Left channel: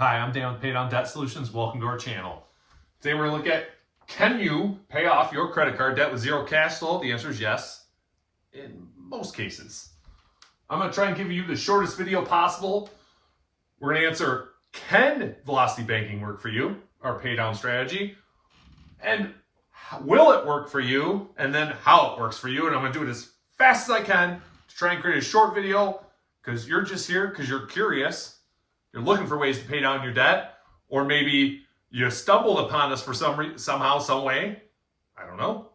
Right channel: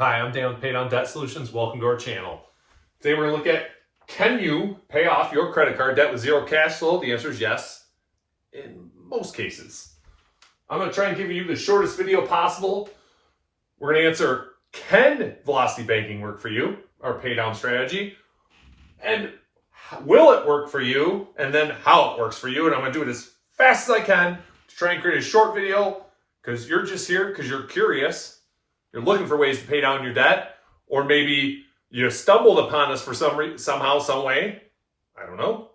Hi, I'm Dan with Pay Down Debt Solutions. Welcome to our channel. Today we're going to look at, can you pay off your credit card debt with zero cash flow? The answer is yes, in most cases. I'm going to try and give you the shortest video possible. We're going to answer, can velocity banking work for you, our pay down strategy? And will it work for you? And then how it works for you. And I'm going to do it as fast as I can to try and create a short video because you're just here because you're curious. You're looking for ways to pay down your debt, or maybe you stumbled upon us for somehow, some way. I don't know.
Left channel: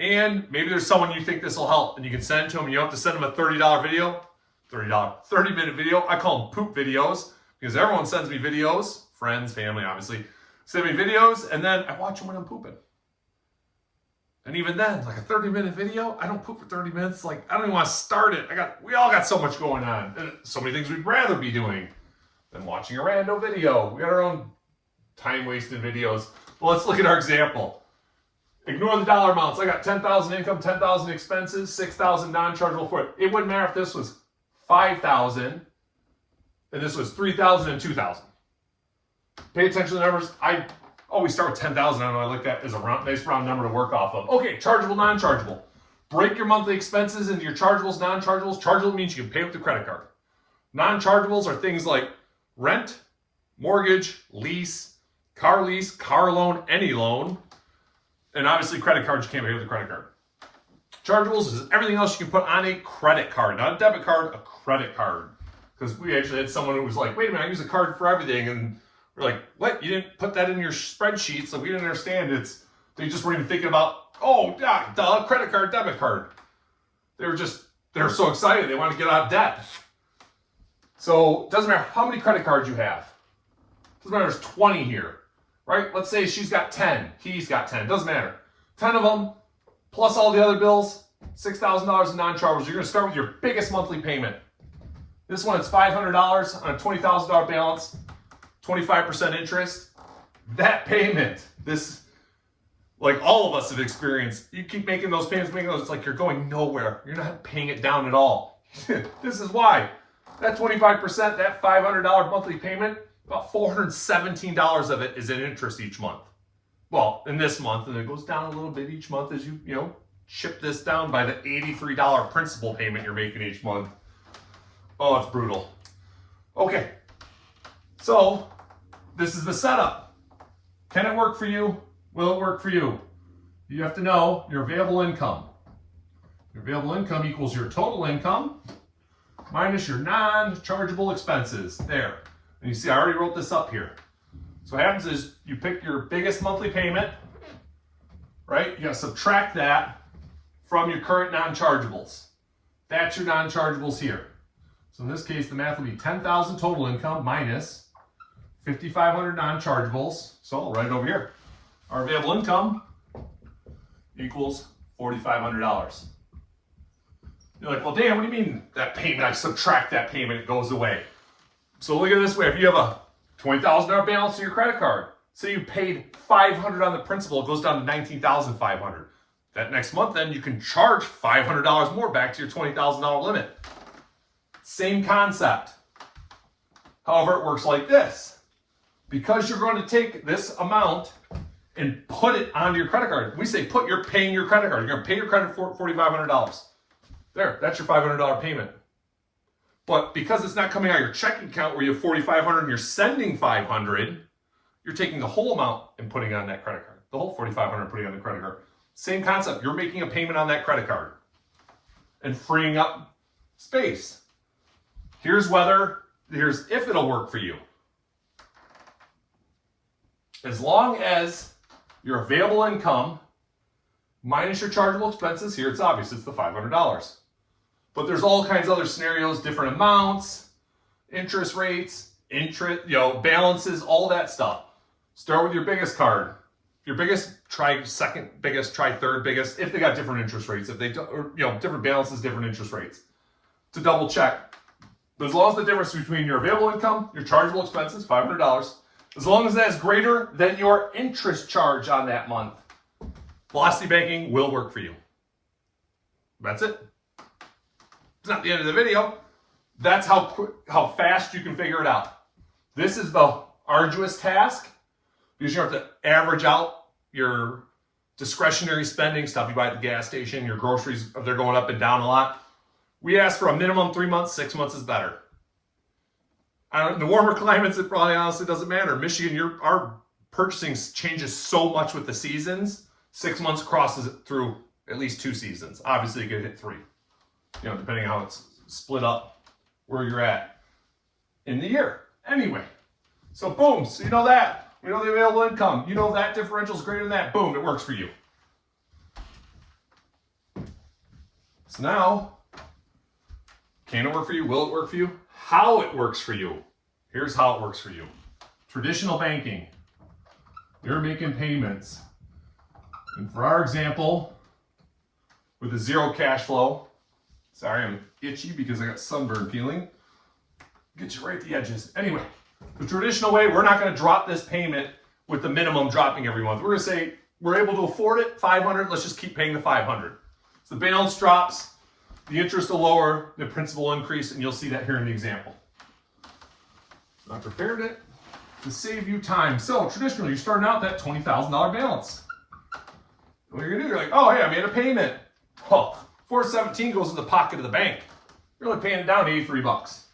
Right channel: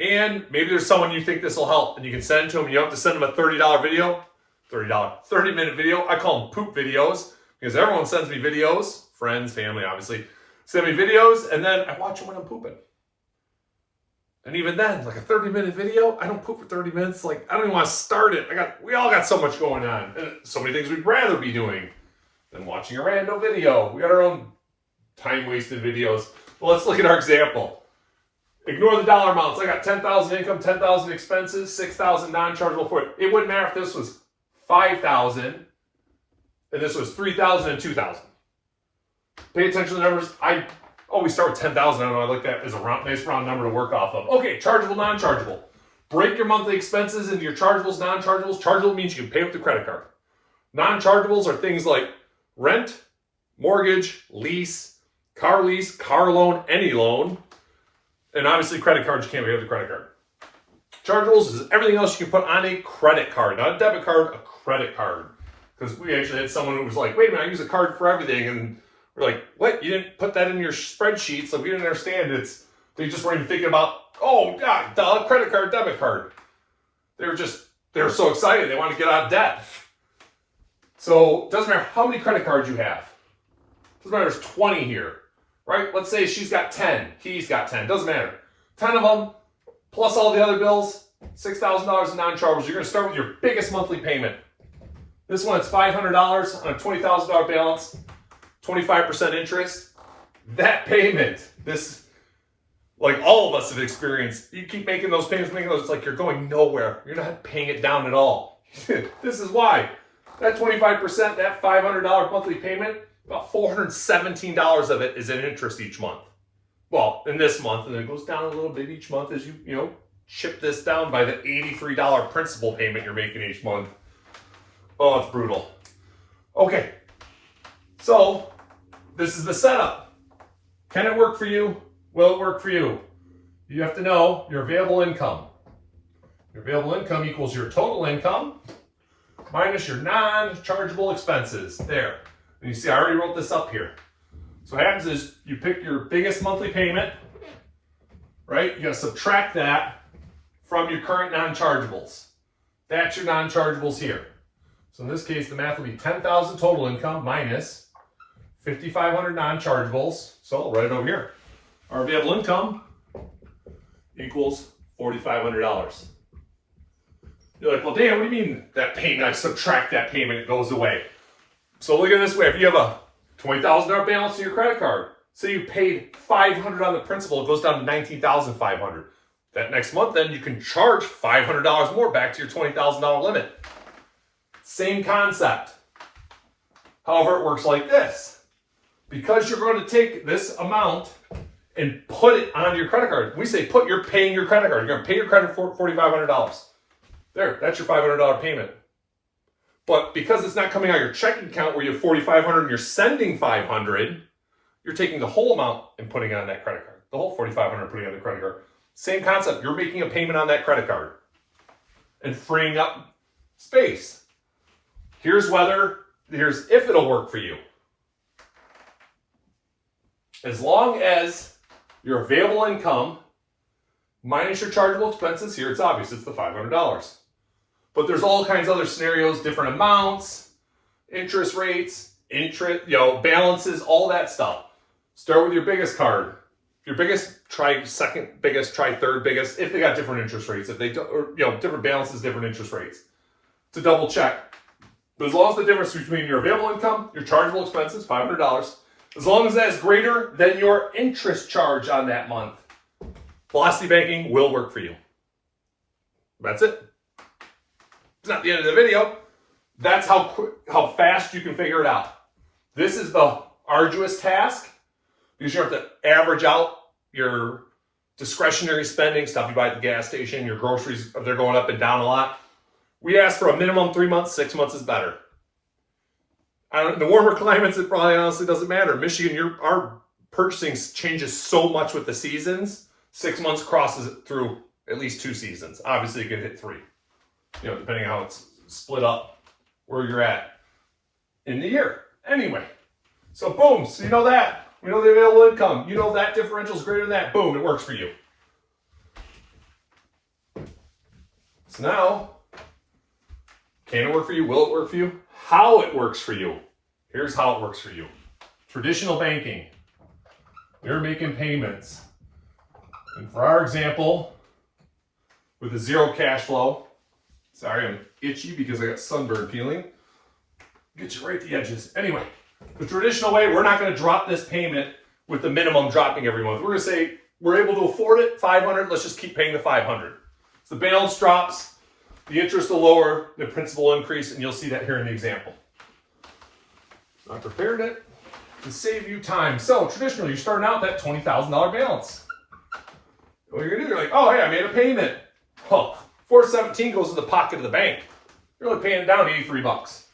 And maybe there's someone you think this will help, and you can send it to them. You don't have to send them a $30 video, 30-minute video. I call them poop videos because everyone sends me videos, friends, family, obviously, send me videos, and then I watch them when I'm pooping. And even then, like a 30-minute video, I don't poop for 30 minutes. Like, I don't even want to start it. We all got so much going on, and so many things we'd rather be doing than watching a random video. We got our own time-wasted videos. Well, let's look at our example. Ignore the dollar amounts. I got 10,000 income, 10,000 expenses, 6,000 non-chargeable for it. It wouldn't matter if this was 5,000 and this was 3,000 and 2,000. Pay attention to the numbers. I always start with 10,000. I don't know, I like that as a nice round number to work off of. Okay, chargeable, non-chargeable. Break your monthly expenses into your chargeables, non-chargeables. Chargeable means you can pay with the credit card. Non-chargeables are things like rent, mortgage, lease, car loan, any loan. And obviously credit cards, you can't pay with a credit card. Chargeables is everything else you can put on a credit card, not a debit card, a credit card. Because we actually had someone who was like, wait a minute, I use a card for everything. And we're like, what? You didn't put that in your spreadsheet, so we didn't understand. They just weren't even thinking about, oh, yeah, duh, credit card, debit card. They were so excited, they want to get out of debt. So it doesn't matter how many credit cards you have. It doesn't matter if there's 20 here, right? Let's say she's got 10, he's got 10, doesn't matter. 10 of them, plus all the other bills, $6,000 in non-chargeables. You're gonna start with your biggest monthly payment. This one, it's $500 on a $20,000 balance, 25% interest. That payment, like all of us have experienced, you keep making those payments, it's like you're going nowhere. You're not paying it down at all. This is why. That 25%, that $500 monthly payment, about $417 of it is in interest each month. Well, in this month, and it goes down a little bit each month as you chip this down by the $83 principal payment you're making each month. Oh, it's brutal. Okay, so this is the setup. Can it work for you? Will it work for you? You have to know your available income. Your available income equals your total income minus your non-chargeable expenses. There. And you see, I already wrote this up here. So what happens is you pick your biggest monthly payment, right? You got to subtract that from your current non-chargeables. That's your non-chargeables here. So in this case, the math will be 10,000 total income minus 5,500 non-chargeables. So right over here, our available income equals $4,500. You're like, well, Dan, what do you mean that payment? I subtract that payment, it goes away. So look at it this way. If you have a $20,000 balance in your credit card, say you paid $500 on the principal, it goes down to $19,500. That next month, then you can charge $500 more back to your $20,000 limit. Same concept. However, it works like this. Because you're going to take this amount and put it onto your credit card. We say you're paying your credit card. You're going to pay your credit for $4,500. There, that's your $500 payment. But because it's not coming out of your checking account where you have $4,500 and you're sending $500, you're taking the whole amount and putting it on that credit card. The whole $4,500 putting it on the credit card. Same concept. You're making a payment on that credit card and freeing up space. Here's if it'll work for you. As long as your available income minus your chargeable expenses, here it's obvious, it's the $500. But there's all kinds of other scenarios, different amounts, interest rates, balances, all that stuff. Start with your biggest card. Your biggest, try second biggest, try third biggest, if they got different interest rates, if they don't, or different balances, different interest rates. To double check. But as long as the difference between your available income, your chargeable expenses, $500, as long as that is greater than your interest charge on that month, velocity banking will work for you. That's it. It's not the end of the video. That's how fast you can figure it out. This is the arduous task because you have to average out your discretionary spending, stuff you buy at the gas station, your groceries, they're going up and down a lot. We ask for a minimum 3 months, 6 months is better. The warmer climates, it probably honestly doesn't matter. Michigan, our purchasing changes so much with the seasons. 6 months crosses it through at least 2 seasons. Obviously, it could hit 3, depending on how it's split up where you're at in the year. Anyway, so boom, so you know that. You know the available income. You know that differential is greater than that. Boom, it works for you. So now, can it work for you? Will it work for you? How it works for you. Here's how it works for you. Traditional banking. You're making payments. And for our example, with a zero cash flow, sorry, I'm itchy because I got sunburn peeling. Get you right at the edges. Anyway, the traditional way, we're not going to drop this payment with the minimum dropping every month. We're going to say we're able to afford it, $500. Let's just keep paying the $500. So the balance drops, the interest will lower, the principal increase, and you'll see that here in the example. I prepared it to save you time. So traditionally, you're starting out that $20,000 balance. What you're going to do, you're like, oh, hey, I made a payment. Oh, $417 goes in the pocket of the bank. You're only paying it down $83.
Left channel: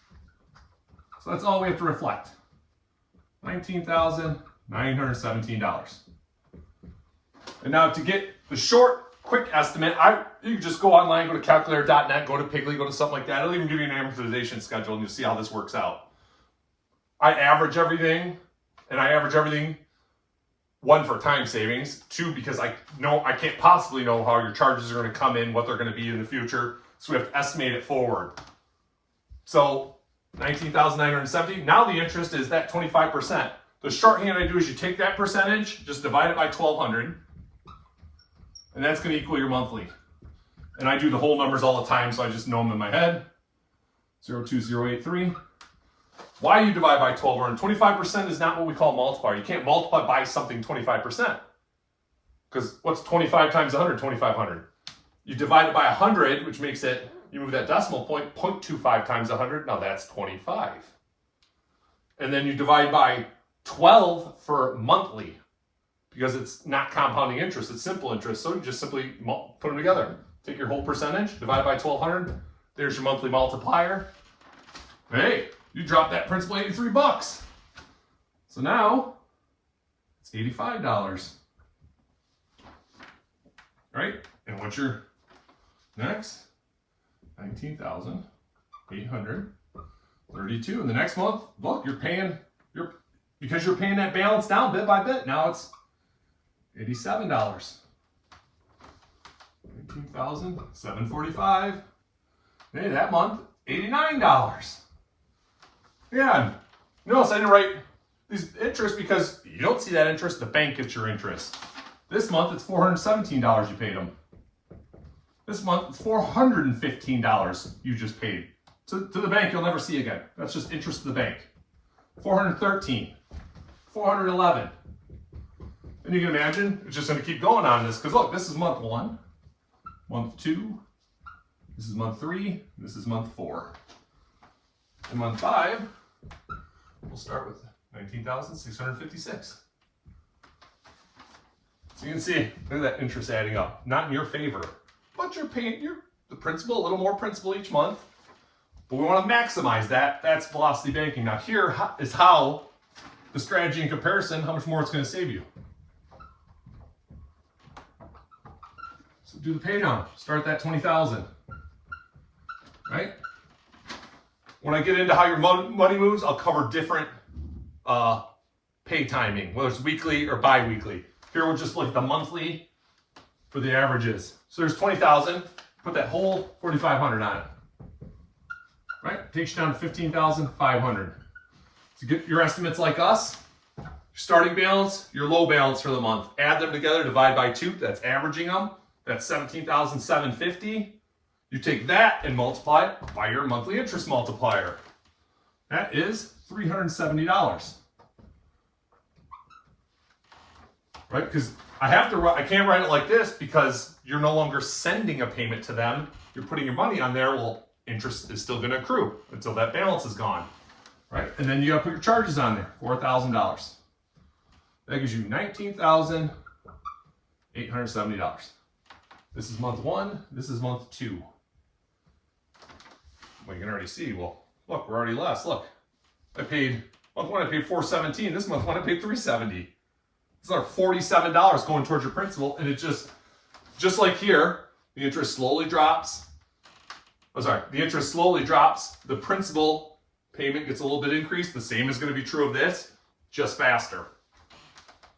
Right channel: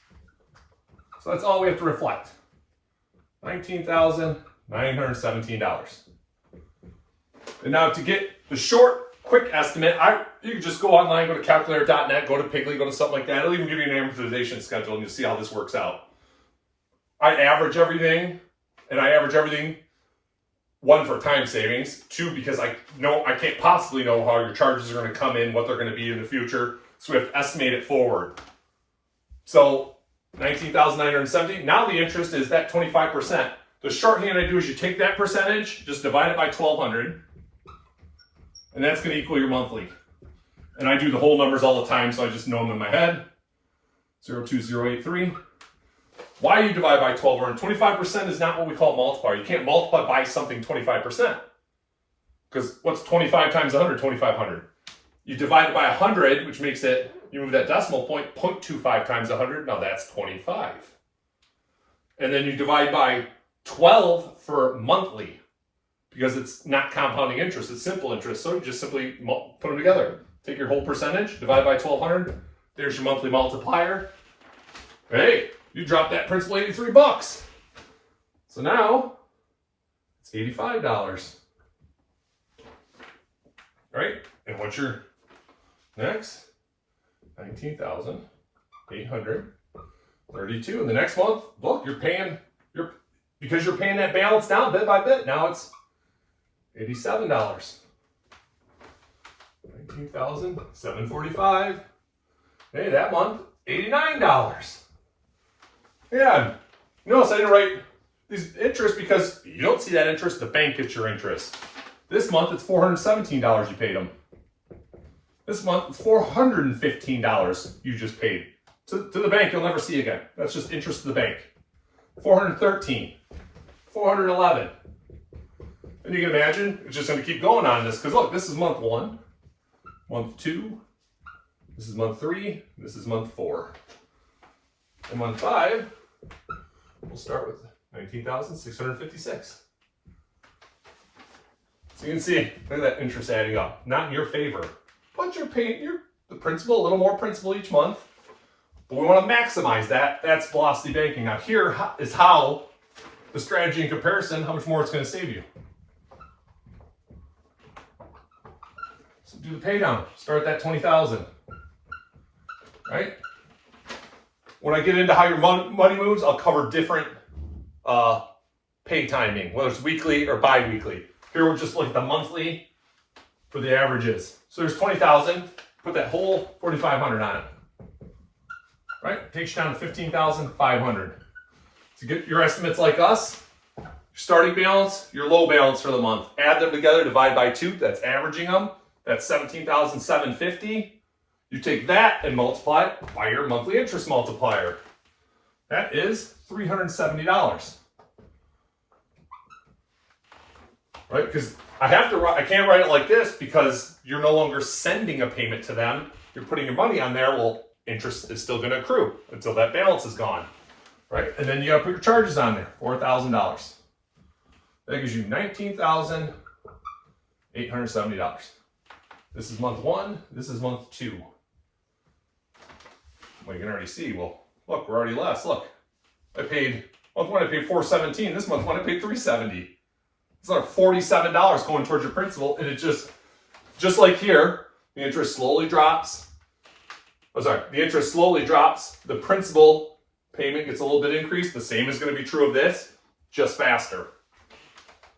So that's all we have to reflect. $19,917. And now to get the short, quick estimate, you can just go online, go to calculator.net, go to Piggly, go to something like that. It'll even give you an amortization schedule and you'll see how this works out. I average everything, and I average everything, 1, for time savings, 2, because I can't possibly know how your charges are going to come in, what they're going to be in the future, so we have to estimate it forward. So $19,970. Now the interest is that 25%. The shorthand I do is you take that percentage, just divide it by 1,200, and that's going to equal your monthly. And I do the whole numbers all the time, so I just know them in my head. 02083. Why you divide by 1,200? 25% is not what we call a multiplier. You can't multiply by something 25%. Because what's 25 times 100? 2,500. You divide it by 100, which makes it, you move that decimal point, 0.25 times 100, now that's 25. And then you divide by 12 for monthly, because it's not compounding interest, it's simple interest. So you just simply put them together. Take your whole percentage, divide by 1,200, there's your monthly multiplier. Hey, you dropped that principal $83. So now, it's $85. Right? And what's your next? $19,832. And the next month, look, because you're paying that balance down bit by bit. Now it's $87. $19,745. Hey, that month, $89. Yeah, notice I didn't write these interest because you don't see that interest, the bank gets your interest. This month, it's $417 you paid them. This month, it's $415 you just paid. To the bank, you'll never see again. That's just interest to the bank. $413, $411. And you can imagine, it's just going to keep going on this, because look, this is month 1, month 2, this is month 3, this is month 4. And month 5, we'll start with 19,656. So you can see, look at that interest adding up. Not in your favor, but you're paying the principal, a little more principal each month. But we want to maximize that. That's velocity banking. Now here is how the strategy in comparison, how much more it's going to save you. So do the pay down. Start at that 20,000. Right? When I get into how your money moves, I'll cover different pay timing, whether it's weekly or bi-weekly. Here we'll just look at the monthly for the averages. So there's 20,000. Put that whole 4,500 on it. Right? Takes you down to 15,500. To get your estimates like us, your starting balance, your low balance for the month. Add them together, divide by 2. That's averaging them. That's 17,750. You take that and multiply it by your monthly interest multiplier. That is $370. Right? Because I can't write it like this because you're no longer sending a payment to them. You're putting your money on there. Well, interest is still going to accrue until that balance is gone. right? And then you gotta put your charges on there, $4,000. That gives you $19,870. This is month 1, this is month 2. Well, you can already see, well, look, we're already less, look. Month 1 I paid $417, this month 1 I paid $370. It's another $47 going towards your principal, and it just like here, the interest slowly drops. The interest slowly drops, the principal payment gets a little bit increased. The same is going to be true of this, just faster.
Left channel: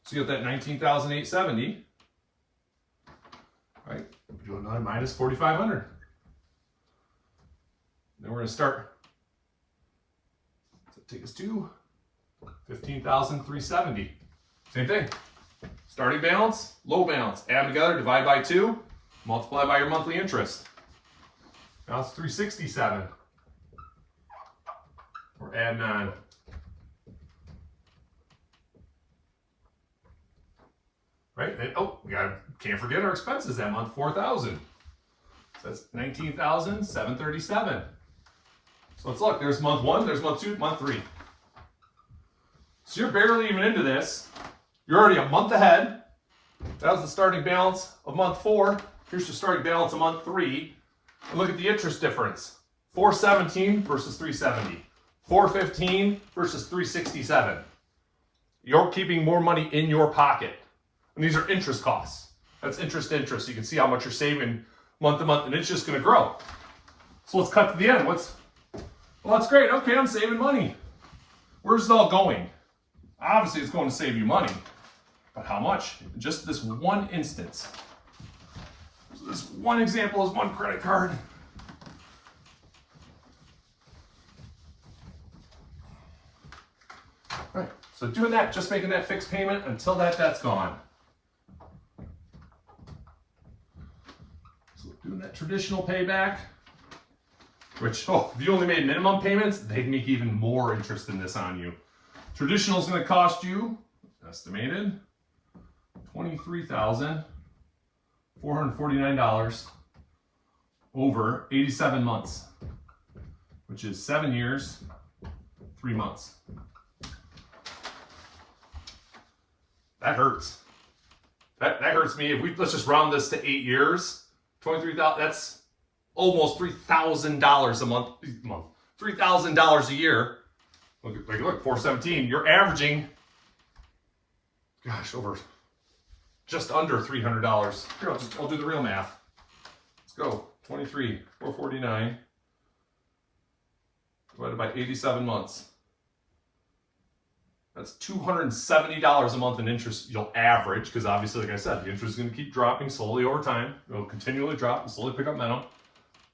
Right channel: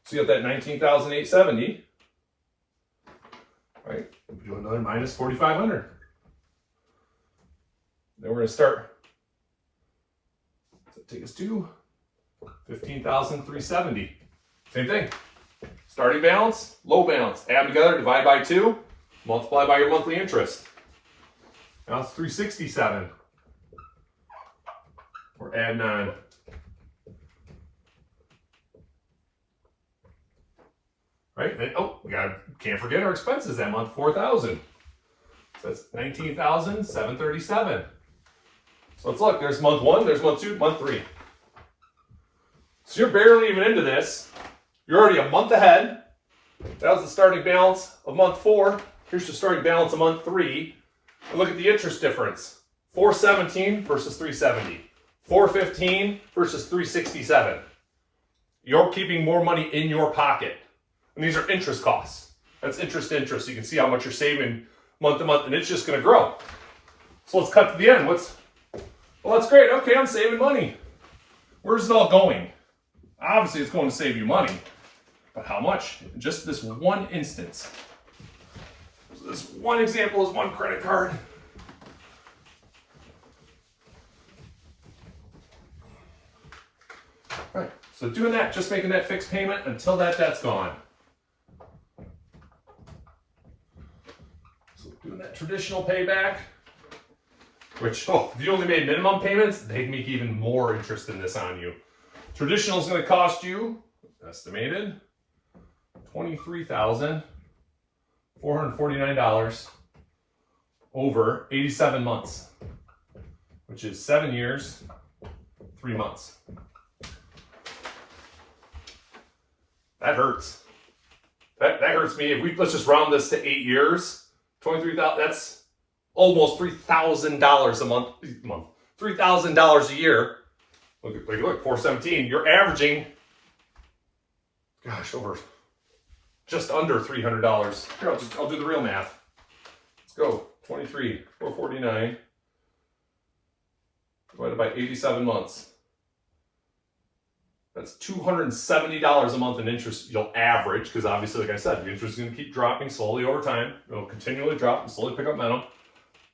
So you got that $19,870, right? Do another minus $4,500. Then we're going to start. So take us to $15,370. Same thing. Starting balance, low balance. Add together, divide by 2, multiply by your monthly interest. Now it's $367. We're adding on. Right? Then, can't forget our expenses that month, $4,000. So that's $19,737. So let's look. There's month 1, there's month 2, month 3. So you're barely even into this. You're already a month ahead. That was the starting balance of month 4. Here's the starting balance of month 3. And look at the interest difference. $417 versus $370. $415 versus $367. You're keeping more money in your pocket. And these are interest costs. That's interest. You can see how much you're saving month to month, and it's just going to grow. So let's cut to the end. Well, that's great. Okay, I'm saving money. Where's it all going? Obviously, it's going to save you money. But how much? Just this one instance. So this one example is one credit card. All right, so doing that, just making that fixed payment until that debt's gone. So doing that traditional payback, which, if you only made minimum payments, they'd make even more interest than this on you. Traditional is going to cost you, estimated, $23,449 over 87 months, which is 7 years, 3 months. That hurts. That hurts me. Let's just round this to 8 years, 23,000. That's almost $3,000 a month. $3,000 a year. Look, $417. You're averaging, over just under $300. Here, I'll do the real math. Let's go. 449 divided by 87 months. That's $270 a month in interest you'll average, because obviously, like I said, the interest is going to keep dropping slowly over time. It'll continually drop and slowly pick up momentum.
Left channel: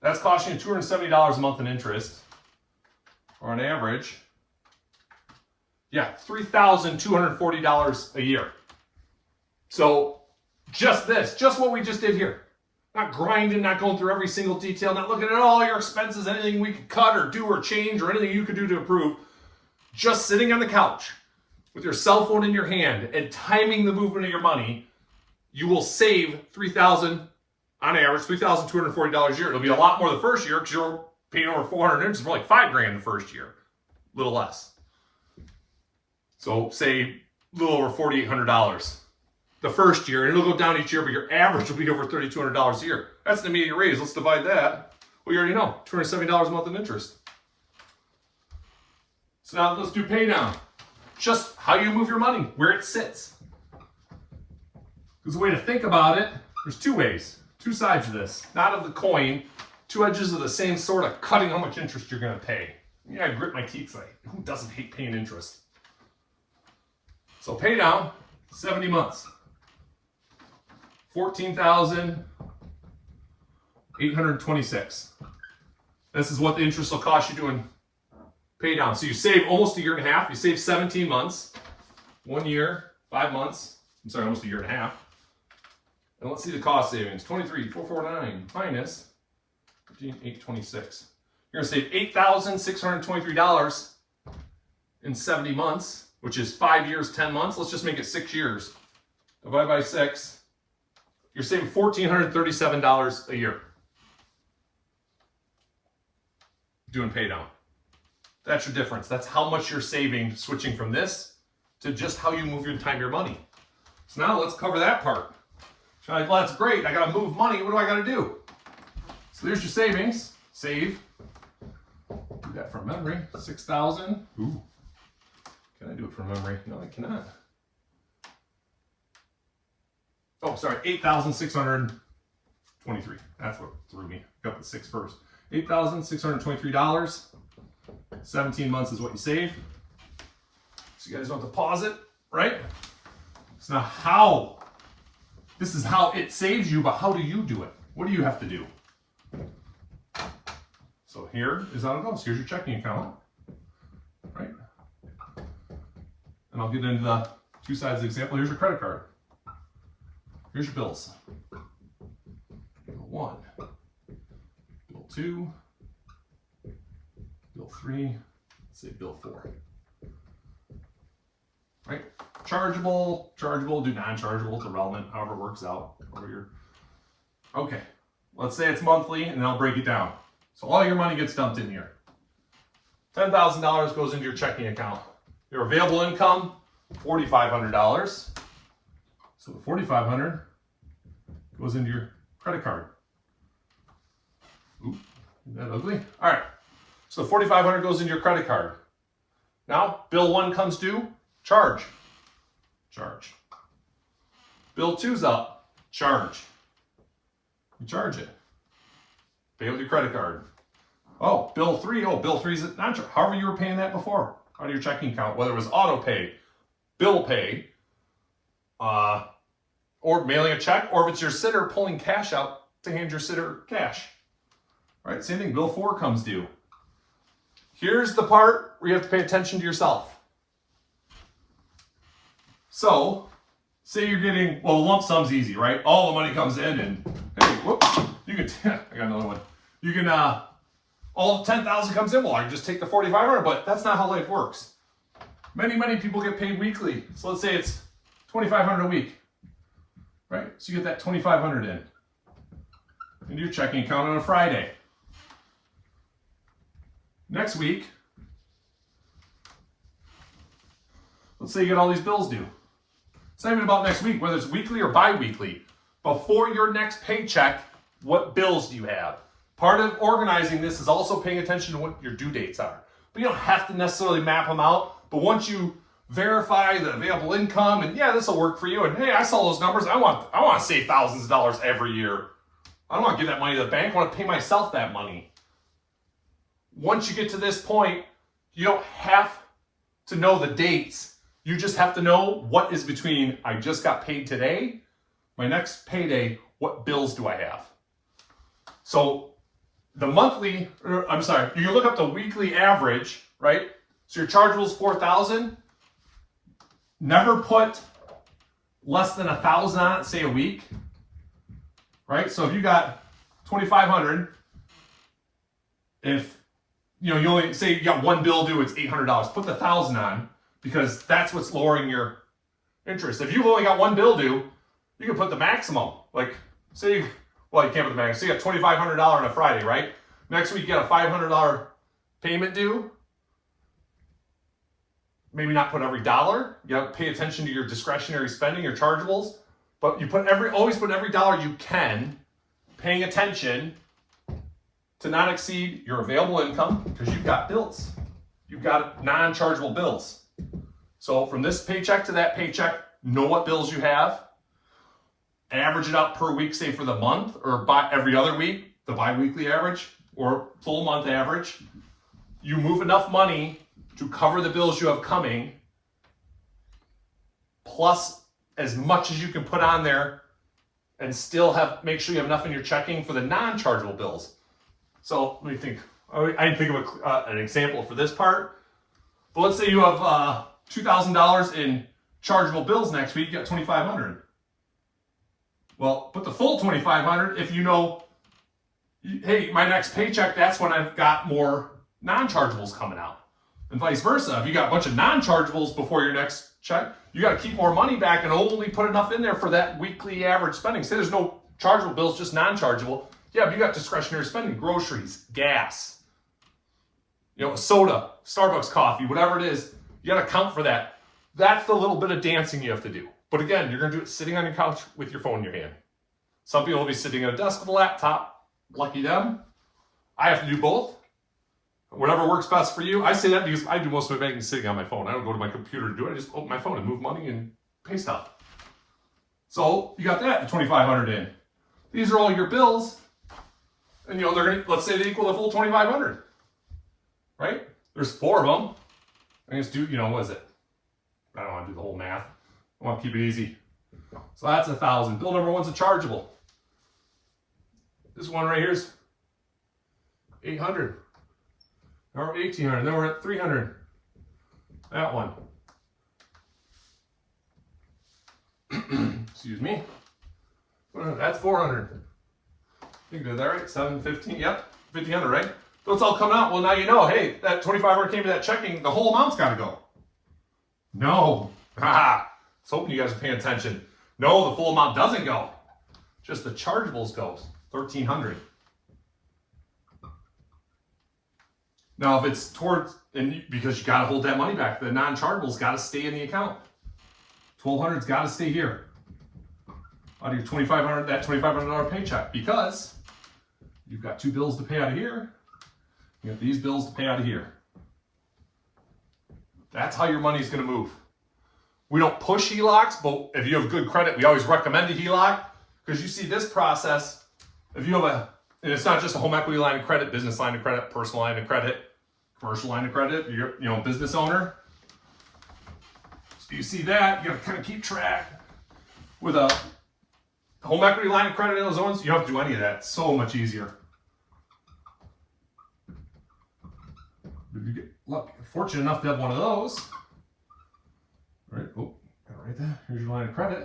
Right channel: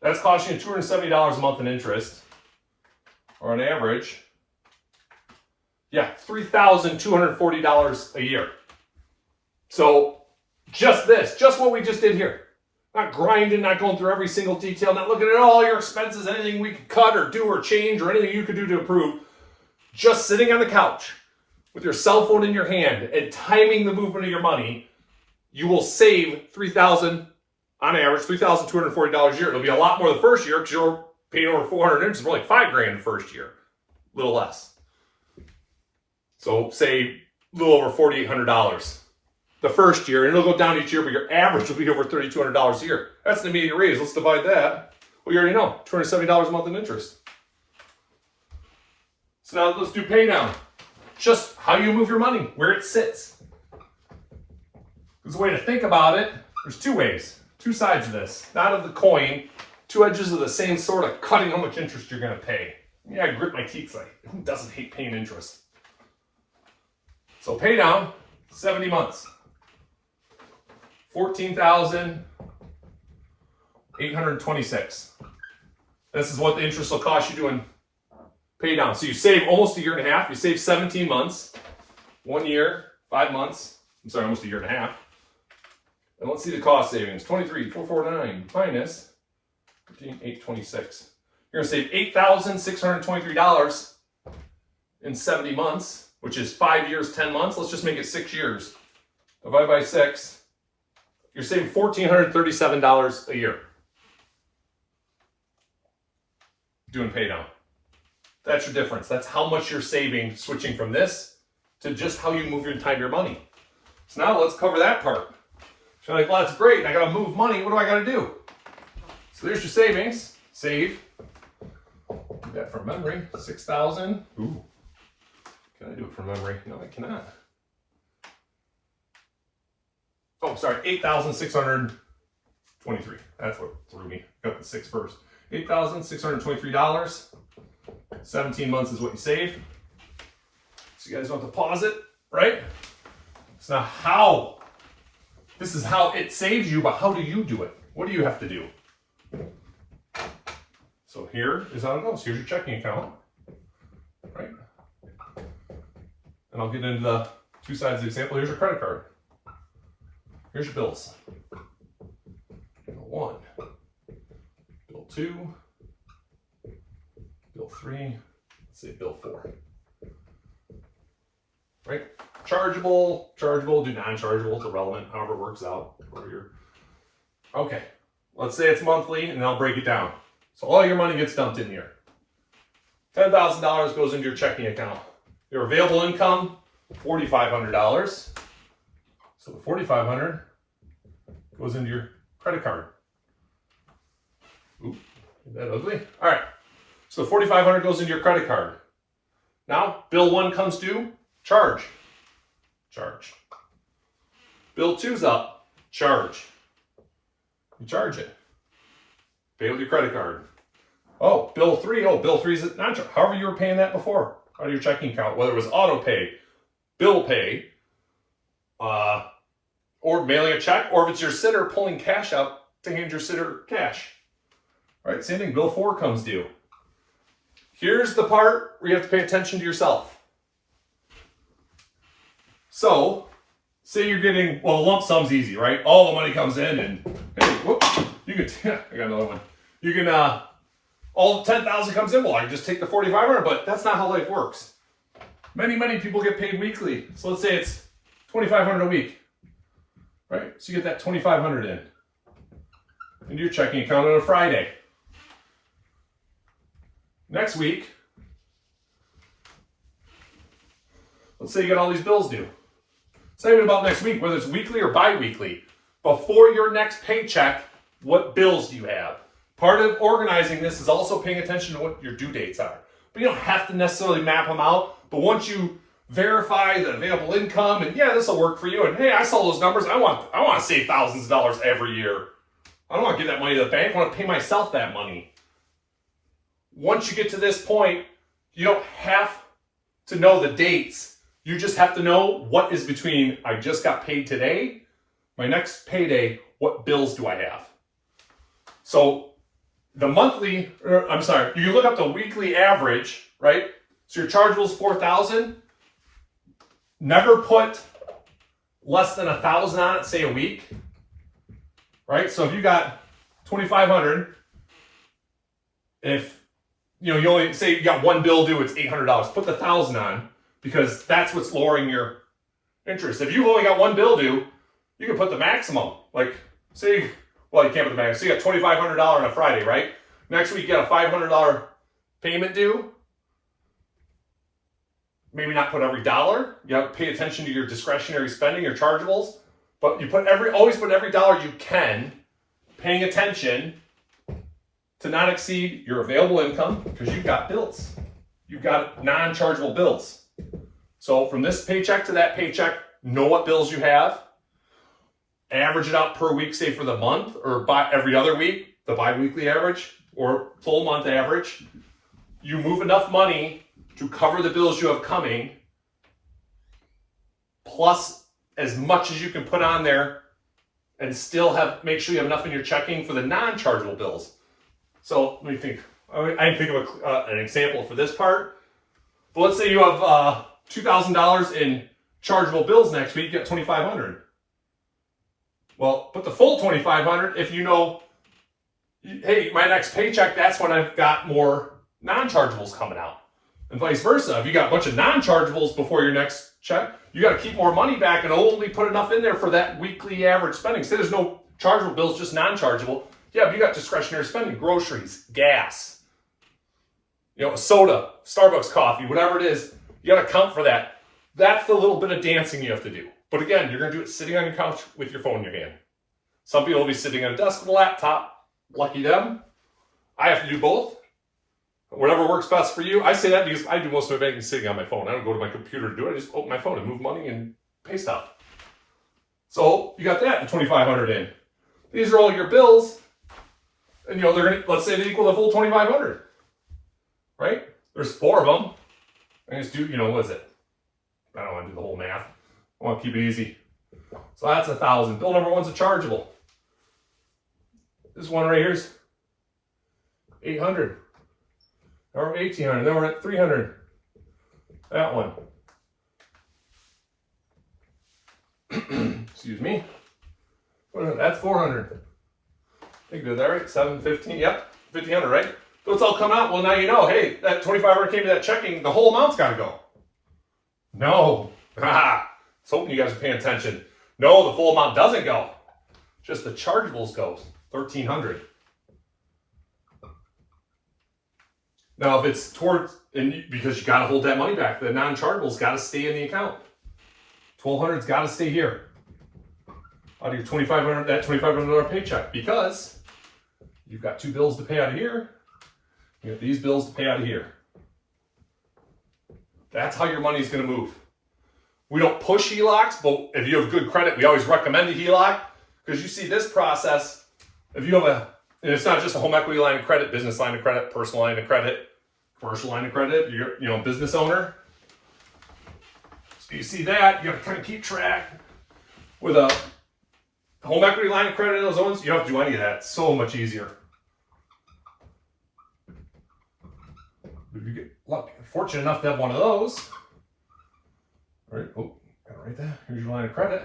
That's costing you $270 a month in interest, or on average, $3,240 a year. So just what we just did here. Not grinding, not going through every single detail, not looking at all your expenses, anything we could cut or do or change or anything you could do to improve. Just sitting on the couch with your cell phone in your hand and timing the movement of your money, you will save $3,000 on average, $3,240 a year. It'll be a lot more the first year because you're paying over $400 interest, more like $5,000 the first year, a little less. So say a little over $4,800 the first year, and it'll go down each year, but your average will be over $3,200 a year. That's an immediate raise. Let's divide that. Well, you already know, $270 a month in interest. So now let's do pay down. Just how you move your money, where it sits. There's a way to think about it. There's 2 ways, 2 sides of this. Not of the coin, 2 edges of the same sword of cutting how much interest you're going to pay. Yeah, I grit my teeth. Like, who doesn't hate paying interest? So pay down, 70 months. $14,826. This is what the interest will cost you doing pay down. So you save almost a year and a half. You save 17 months, 1 year, 5 months. I'm sorry, almost a year and a half. And let's see the cost savings. 23,449 minus 15,826. You're going to save $8,623 in 70 months, which is 5 years, 10 months. Let's just make it 6 years. Divide by 6. You're saving $1,437 a year doing pay down. That's your difference. That's how much you're saving switching from this to just how you move your time, your money. So now let's cover that part. So you're like, well, that's great. I got to move money. What do I got to do? So there's your savings. Save. Do that from memory. 6,000. Ooh. Can I do it from memory? No, I cannot. Oh, sorry. 8,623. That's what threw me. Got the 6 first. $8,623. 17 months is what you save. So you guys don't deposit, right? It's not how. This is how it saves you, but how do you do it? What do you have to do? So here is how it goes. Here's your checking account, right? And I'll get into the two sides of the example. Here's your credit card. Here's your bills. Bill 1, Bill 2, Bill 3, let's say Bill 4. Right? Chargeable, do non-chargeable, it's irrelevant, however it works out. Okay, let's say it's monthly, and I'll break it down. So all your money gets dumped in here. $10,000 goes into your checking account. Your available income, $4,500. So the $4,500 goes into your credit card. Oop, is that ugly? All right, so $4,500 goes into your credit card. Now, bill 1 comes due, charge. Bill 2's up, charge. You charge it. Pay with your credit card. Oh, bill 3, bill 3's not charge. However you were paying that before, out of your checking account, whether it was auto pay, bill pay, or mailing a check, or if it's your sitter pulling cash out to hand your sitter cash. All right, same thing, bill 4 comes due. Here's the part where you have to pay attention to yourself. So, say you're getting, well, the lump sum's easy, right? All the money comes in and, hey, whoop, you can, I got another one. You can, all the 10,000 comes in, well, I can just take the 4,500, but that's not how life works. Many people get paid weekly. So let's say it's 2,500 a week, right? So you get that 2,500 in into your checking account on a Friday. Next week, let's say you get all these bills due. It's not even about next week, whether it's weekly or bi-weekly. Before your next paycheck, what bills do you have? Part of organizing this is also paying attention to what your due dates are. But you don't have to necessarily map them out. But once you verify the available income, and yeah, this will work for you, and hey, I saw those numbers, I want to save thousands of dollars every year. I don't want to give that money to the bank, I want to pay myself that money. Once you get to this point, you don't have to know the dates. You just have to know what is between, I just got paid today, my next payday, what bills do I have? So the monthly, you can look up the weekly average, right? So your chargeable is 4,000. Never put less than 1,000 on it, say a week, right? So if you got 2,500, if you only say you got one bill due, it's $800. Put the 1,000 on because that's what's lowering your interest. If you've only got one bill due, you can put the maximum. Like say, well, you can't put the maximum. So you got $2,500 on a Friday, right? Next week you got a $500 payment due. Maybe not put every dollar. You have to pay attention to your discretionary spending, your chargeables. But you always put every dollar you can, paying attention to not exceed your available income because you've got bills. You've got non-chargeable bills. So from this paycheck to that paycheck, know what bills you have. Average it out per week, say for the month, or by every other week, the bi-weekly average, or full month average. You move enough money to cover the bills you have coming, plus as much as you can put on there, and still make sure you have enough in your checking for the non-chargeable bills. So let me think. I didn't think of an example for this part. But let's say you have $2,000 in chargeable bills next week. You got $2,500. Well, put the full $2,500 if you know, hey, my next paycheck, that's when I've got more non-chargeables coming out. And vice versa. If you got a bunch of non-chargeables before your next check, you got to keep more money back and only put enough in there for that weekly average spending. Say there's no chargeable bills, just non-chargeable. Yeah, but you got discretionary spending, groceries, gas, a soda. Starbucks coffee, whatever it is, you got to account for that. That's the little bit of dancing you have to do. But again, you're going to do it sitting on your couch with your phone in your hand. Some people will be sitting at a desk with a laptop. Lucky them. I have to do both. Whatever works best for you. I say that because I do most of my banking sitting on my phone. I don't go to my computer to do it. I just open my phone and move money and pay stuff. So you got that, the $2,500 in. These are all your bills. And they're going to, let's say they equal the full $2,500. Right? There's 4 of them. I just do, what is it? I don't want to do the whole math. I want to keep it easy. So that's 1,000. Bill number 1's a chargeable. This one right here is 800. Now we're 1,800. Then we're at 300. That one. Excuse me. That's 400. I think I did that right. 715. Yep. 1,500, right? So it's all coming out. Well, now you know, hey, that 2,500 came to that checking. The whole amount's got to go. No. I was hoping you guys are paying attention. No, the full amount doesn't go. Just the chargeables goes. 1,300. Now, if it's towards, because you got to hold that money back, the non-chargeables got to stay in the account. 1,200's got to stay here. Out of your $2,500, that $2,500 paycheck, because you've got 2 bills to pay out of here. You got these bills to pay out of here. That's how your money's going to move. We don't push HELOCs, but if you have good credit, we always recommend a HELOC, because you see this process. If you have and it's not just a home equity line of credit, business line of credit, personal line of credit, commercial line of credit, you're a business owner. So you see that, you got to kind of keep track. With a home equity line of credit in those zones, you don't have to do any of that. It's so much easier. If you get fortunate enough to have one of those, all right? Oh, gotta write that. Here's your line of credit.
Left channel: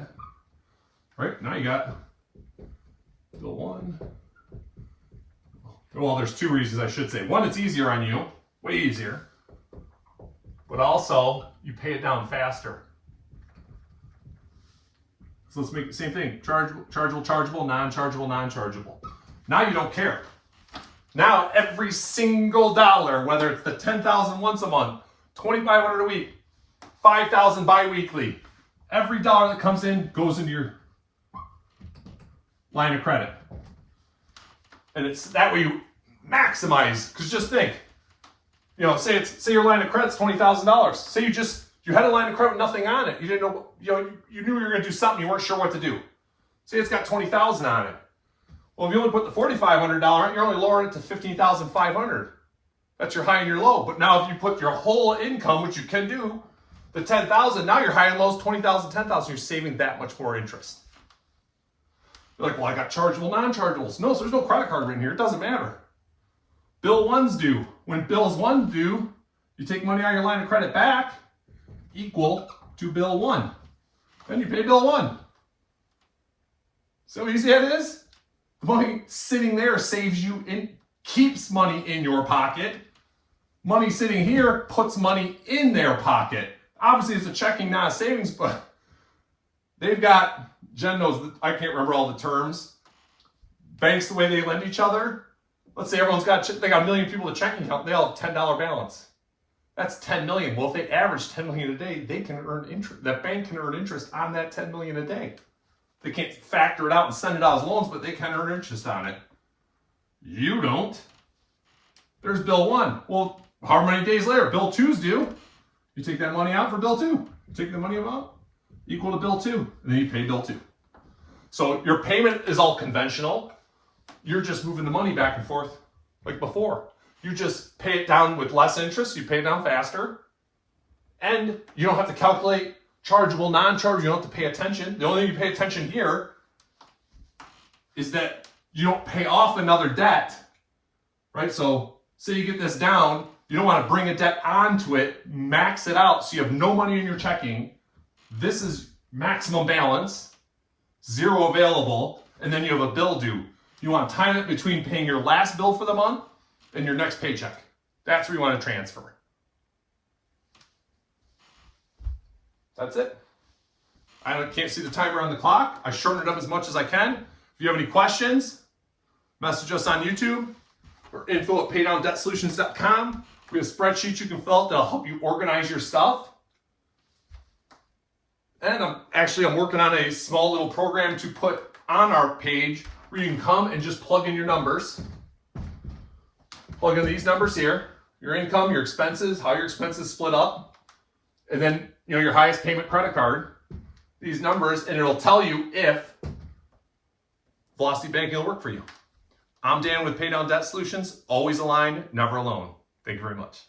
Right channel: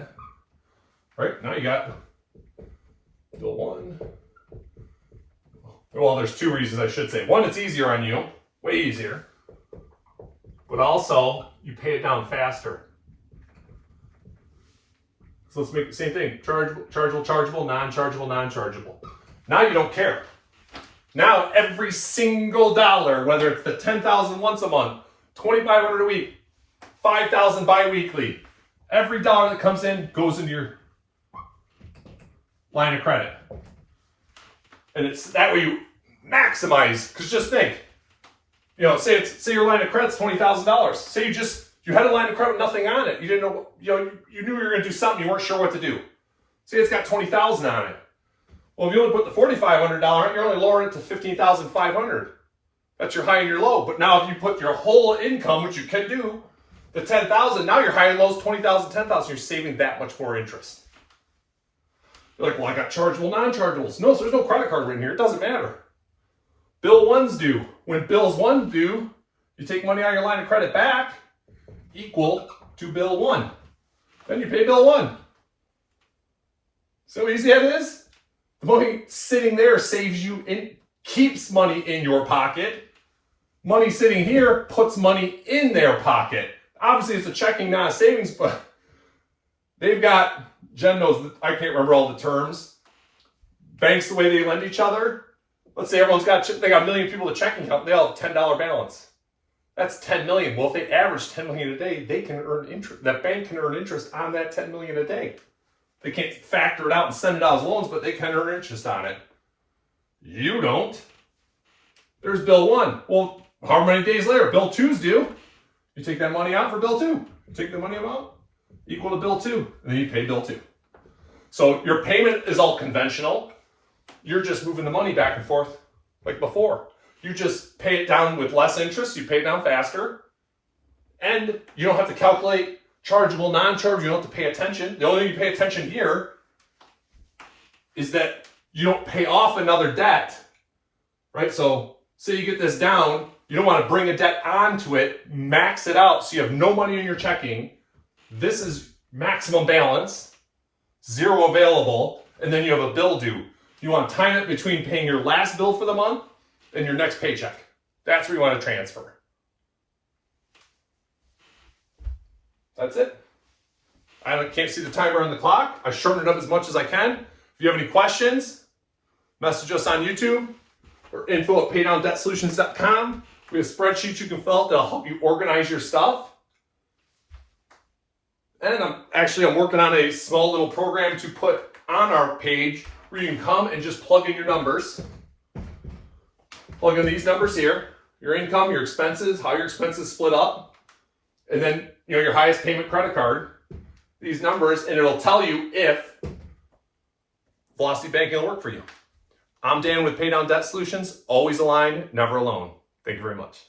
All right, now you got bill 1. Well, there's 2 reasons I should say. One, it's easier on you, way easier. But also, you pay it down faster. So let's make the same thing. Chargeable, non-chargeable. Now you don't care. Now every single dollar, whether it's the $10,000 once a month, $2,500 a week, $5,000 bi-weekly, every dollar that comes in goes into your line of credit. And it's that way you maximize, because just think, say your line of credit's $20,000. Say you had a line of credit with nothing on it. You didn't know, you knew you were going to do something, you weren't sure what to do. Say it's got $20,000 on it. Well, if you only put the $4,500 on it, you're only lowering it to $15,500. That's your high and your low. But now if you put your whole income, which you can do, the $10,000, now your high and low is $20,000, $10,000. You're saving that much more interest. You're like, well, I got chargeable, non-chargeables. No, so there's no credit card written here. It doesn't matter. Bill 1's due. When bills 1 due, you take money out of your line of credit back, equal to bill 1. Then you pay bill 1. So easy that is. The money sitting there saves you, keeps money in your pocket. Money sitting here puts money in their pocket. Obviously, it's a checking, not a savings, but they've got, Jen knows, I can't remember all the terms. Banks, the way they lend each other. Let's say they got a million people to checking account, they all have $10 balance. That's 10 million. Well, if they average 10 million a day, they can earn interest. That bank can earn interest on that 10 million a day. They can't factor it out and send it out as loans, but they can earn interest on it. You don't. There's bill 1. Well, how many days later? Bill 2's due. You take that money out for bill 2. You take the money out, equal to bill 2, and then you pay bill 2. So your payment is all conventional. You're just moving the money back and forth like before. You just pay it down with less interest. You pay it down faster. And you don't have to calculate chargeable, non-chargeable. You don't have to pay attention. The only thing you pay attention here is that you don't pay off another debt, right? So say you get this down. You don't want to bring a debt onto it, max it out so you have no money in your checking. This is maximum balance, 0 available, and then you have a bill due. You want to time it between paying your last bill for the month and your next paycheck. That's where you want to transfer. That's it. I can't see the timer on the clock. I shortened it up as much as I can. If you have any questions, message us on YouTube or info@paydowndebtsolutions.com. We have spreadsheets you can fill out that'll help you organize your stuff. And I'm working on a small little program to put on our page where you can come and just plug in your numbers. Plug in these numbers here, your income, your expenses, how your expenses split up, and then your highest payment credit card, these numbers, and it'll tell you if Velocity Banking will work for you. I'm Dan with Pay Down Debt Solutions, always aligned, never alone. Thank you very much.